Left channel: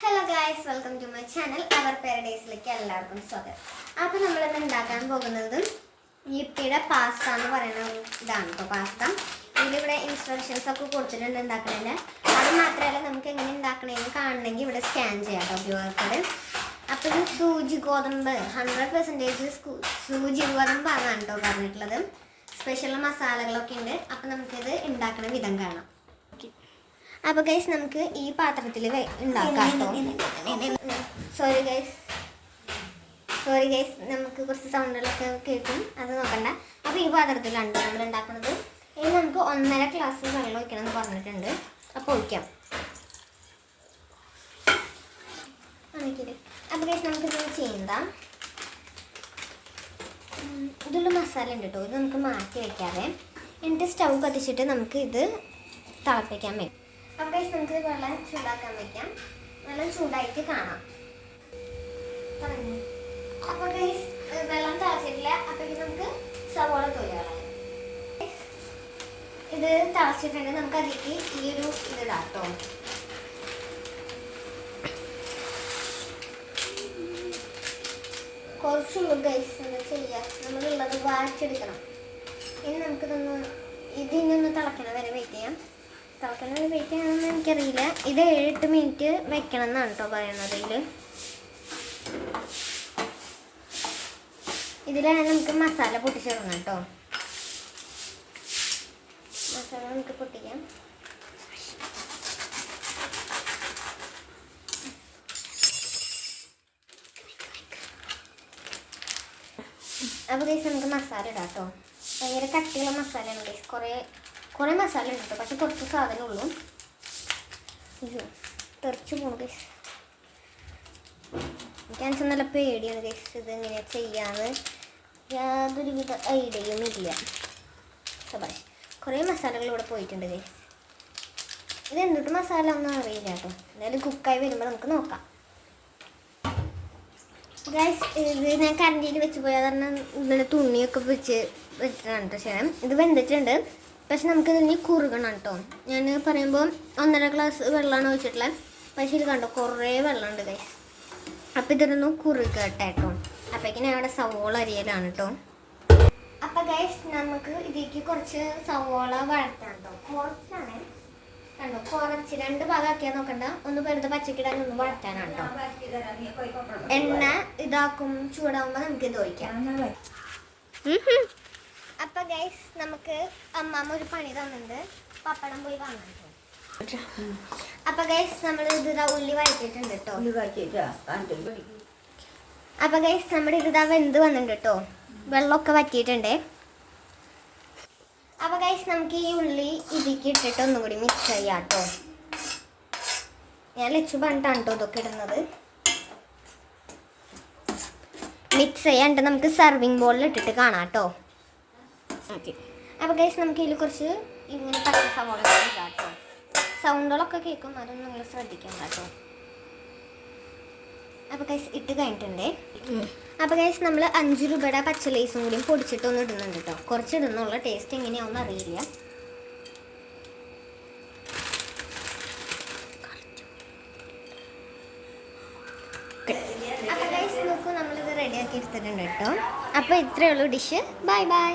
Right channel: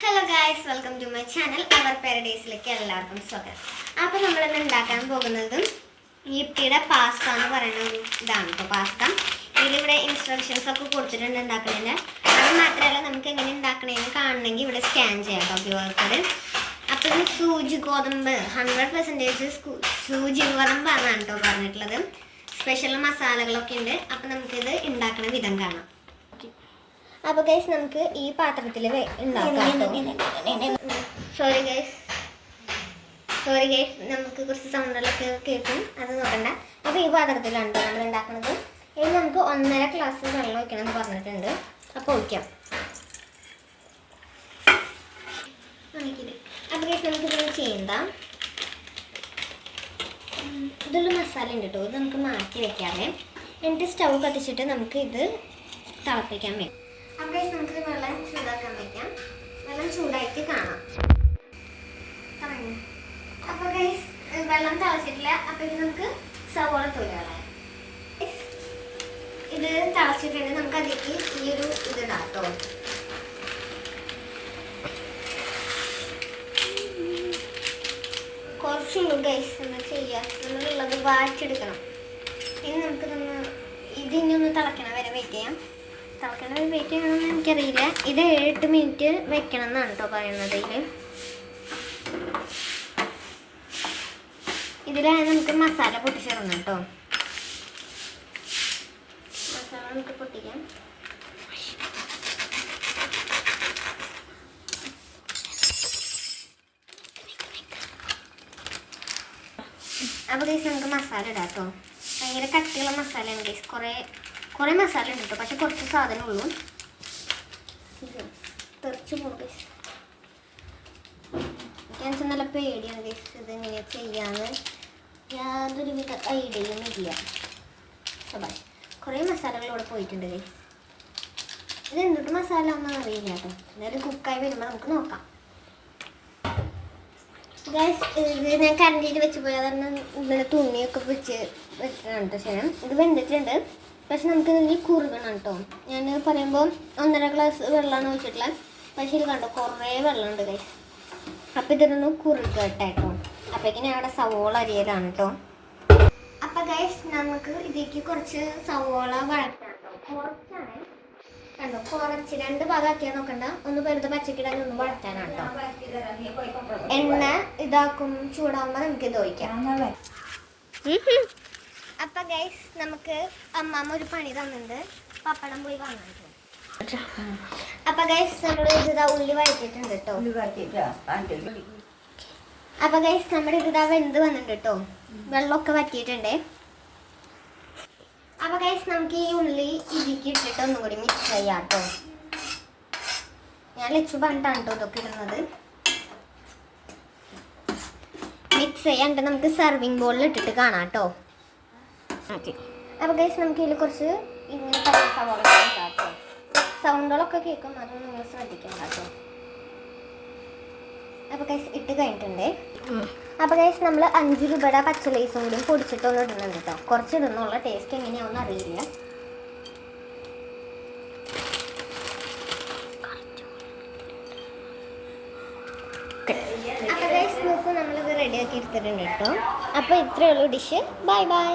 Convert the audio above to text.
Hello guys, welcome to my channel our പാരഡൈസിലേക്ക് എല്ലാവർക്കും സ്വാഗതം. അപ്പോൾ നമ്മളിന്ന് ഉണ്ടാക്കാൻ പോകുന്നത് യിപ്പിയുടെ പാസ്ത എന്ന് പറയുന്ന ഇതാണ് കേട്ടോ. പാസ്ത ഇതിലിവിടെ ഇൻസ്ട്രക്ഷൻസ് ഒക്കെ കൊടുത്തിട്ടുണ്ട് ഉണ്ടാക്കണേന്. അത് മാത്രമല്ല, നമുക്ക് എങ്ങനെ ഉണ്ടാക്കണേന്ന് കാണണമെങ്കിൽ ഇവിടെ സ്കാൻ ചെയ്യാം കേട്ടോ, QR കോഡ്. അപ്പോൾ ഇത് സൂചി ഗോതമ്പ് 100% സൂചി ഗോതമ്പാണ് കേട്ടോ പറഞ്ഞിട്ടുള്ളത്. സ്പെഷ്യൽ മസാലകളൊക്കെ ഉണ്ട്. അപ്പോൾ നമുക്കിത് ഉണ്ടാക്കുന്ന വിധം കാണാം. അപ്പോൾ ഗൈസ്, നമുക്ക് ഈ പാത്രത്തിൽ ഉണ്ടാക്കാം. സോറി ഗൈസ്, നമുക്ക് കുറച്ച് സൗണ്ടുകളൊക്കെ കേൾക്കും, അത് നോക്കണ്ട. അപ്പോൾ ഈ പാത്രത്തിലാണ് നമ്മൾ ഉണ്ടാക്കുന്നത്. ഇനി നമുക്ക് 1.5 ഗ്ലാസ് വെള്ളം ഒഴിക്കണം എന്ന് പറഞ്ഞിട്ടുണ്ട്. അപ്പോൾ ഒഴിക്കാം. അപ്പോൾ ഗൈസ്, നമുക്കിത് ചെയ്യണ്ട. ഇതൊരു മസാല ഉണ്ട് കേട്ടോ, ഇത് നമുക്ക് മാറ്റി വെക്കാതെ. എന്നിട്ട് സ്റ്റൗ കത്തിച്ചിട്ട് നമുക്ക് ഇത് തിളപ്പിക്കാൻ വെക്കാം. അപ്പോൾ ഗൈസ്, നമുക്ക് വെള്ളം ചൂടാക്കാൻ വയ്ക്കാം. വെള്ളം ചൂടായിട്ട് കാണാം. അപ്പോൾ ഗൈസ്, വെള്ളം തിളച്ചിട്ടില്ല. അപ്പോൾ ഇത് നമുക്ക് സവോള തൊലികളാം. ഇത് തിളച്ചിട്ടുണ്ട്. നമുക്ക് അതിലേക്ക് ഈ ഒരു ഇതിടാം കേട്ടോ. കുറച്ചുള്ളൂ ഗൈസ്, എന്താ ചെയ്യുക, നമ്മളുള്ളത് വാറ്റിയെടുക്കണം. ഇനി നമുക്കിതൊന്ന് ഇതിനൊന്ന് തിളയ്ക്കണം വരെ വെയിറ്റ് ചെയ്യാം. തിളയ്ക്കണ വെയിറ്റ് ചെയ്യണമെന്ന് എനിക്കറിയില്ല. ഇത് 7-8 മിനിറ്റ് വെക്കണം എന്നാണ് കേട്ടോ പറയുന്നത്. ഇതിലാണ് നമുക്ക് മസാല പൊട്ടിച്ചിടണം കേട്ടോ. മസാല നമുക്ക് പൊട്ടിക്കാം. അപ്പോൾ ഗൈസ്, നമുക്ക് മസാല ഇടാം കേട്ടോ. ഭയങ്കര കട്ടിയുള്ള മസാലയാണ് ഗൈസ്. കുറേ മസാല ഉണ്ട് കേട്ടോ, പക്ഷെ കുറച്ച് സാധനം ഉള്ളൂ. ഇത് തെറിച്ച് പോകും ഗൈസ്. എനിക്ക് നല്ല പേടിയാണ് ഗൈസ്, ഇതെങ്ങനെ ചെയ്യാമെന്ന് യാതൊരുവിധ ഐഡിയയും ഇല്ല. സബാഷ്, കുറേ മസാലകൾ ഇവിടെ പോയിട്ടുണ്ട് ഗൈസ്. ഇത് എന്തൊട്ട് മസാല ഒന്നും അറിയില്ല കേട്ടോ. എന്തായാലും കുക്കായി വരുമ്പോൾ നമുക്ക് നോക്കാം. ഗൈസ്, ഇത് ഞാൻ കറണ്ടിയിൽ വെച്ച് പോയാൽ കാരണം ഇങ്ങനെ തുണിയൊക്കെ വെച്ചിട്ടാണ് ചെയ്യണം. ഇത് വെന്തിട്ടുണ്ട്, പക്ഷെ നമുക്ക് ഇതിന് കുറുകണം കേട്ടോ. ഞാൻ പറയുമ്പോൾ 1.5 ഗ്ലാസ് വെള്ളമാണ് ഒഴിച്ചിട്ടുള്ളത്. പക്ഷെ ഇത് കണ്ടോ, കുറേ വെള്ളമുണ്ട് ഗൈസ്. അപ്പം ഇതൊന്ന് കുറുകട്ടെ കേട്ടോ. അപ്പോഴേക്കും ഞാൻ അവിടെ സവോള അരിയലാണ് കേട്ടോ. അപ്പം ഗൈസ്, നമുക്ക് ഇതിലേക്ക് കുറച്ച് സവോള വഴറ്റാം കേട്ടോ. കുറച്ചാണ് കണ്ടോ, കുറച്ച് 2 ഭാഗമാക്കിയാൽ നോക്കണ്ട. ഒന്ന് വെറുതെ പച്ചക്കിടാൻ ഒന്ന് വഴറ്റാനാണ് കേട്ടോ. എണ്ണ ഇതാക്കും ചൂടാകുമ്പോൾ നമുക്കിത് ഒഴിക്കാം. അപ്പം ഗൈസ്, നമുക്ക് അമ്മമ്മ ഒരു പണി തന്നിട്ടുണ്ട്. പപ്പടം പോയി വാങ്ങാൻ. അപ്പം ഗൈസ്, നമ്മൾ ഇതിതാ ഉള്ളി വഴറ്റിയിട്ടുണ്ട് കേട്ടോ. അപ്പം ഗൈസ്, നമ്മുടെ ഇതിതാ വെന്ത് വന്നിട്ടുണ്ട് കേട്ടോ. വെള്ളമൊക്കെ വറ്റിയിട്ടുണ്ട്. അപ്പം ഗൈസ്, നമുക്ക് ഈ ഉള്ളി ഇതിലേക്ക് ഇട്ടിട്ട് ഒന്നും കൂടി മിക്സ് ചെയ്യാം കേട്ടോ. ഞാൻ ലച്ചു പറഞ്ഞിട്ടാണ് കേട്ടോ ഇതൊക്കെ ഇടുന്നത്. മിക്സ് ചെയ്യാണ്ട് നമുക്ക് സർവിങ് ബോളിൽ ഇട്ടിട്ട് കാണാം കേട്ടോ. ഓക്കെ. അപ്പോൾ ഗൈസ്, നമുക്ക് ഇതിൽ കുറച്ച് ഇങ്ങനെ സവോള കേട്ടോ. സൗണ്ടുകളൊക്കെ കേൾക്കും, അതൊന്നും നിങ്ങൾ ശ്രദ്ധിക്കണം കേട്ടോ. അപ്പോൾ ഗൈസ്, ഇട്ട് കഴിഞ്ഞിട്ടുണ്ട്. അപ്പോൾ ഗൈസ്, നമ്മൾ 5 രൂപയുടെ പച്ച ലേസും കൂടി പൊടിച്ചിട്ടൊന്നും ഇടുന്നുണ്ട് കേട്ടോ. കുറച്ച് ഇടുന്നുള്ള ടേസ്റ്റ് എങ്ങനെയാണെന്ന് അറിയില്ല. അപ്പോൾ ഗൈസ്, നോക്കൂ, നമ്മളിത് റെഡിയാക്കി എടുത്തിട്ടുണ്ട് കേട്ടോ. അപ്പോൾ ഇത്രയേ ഉള്ളൂ ഡിഷ്. Bye bye.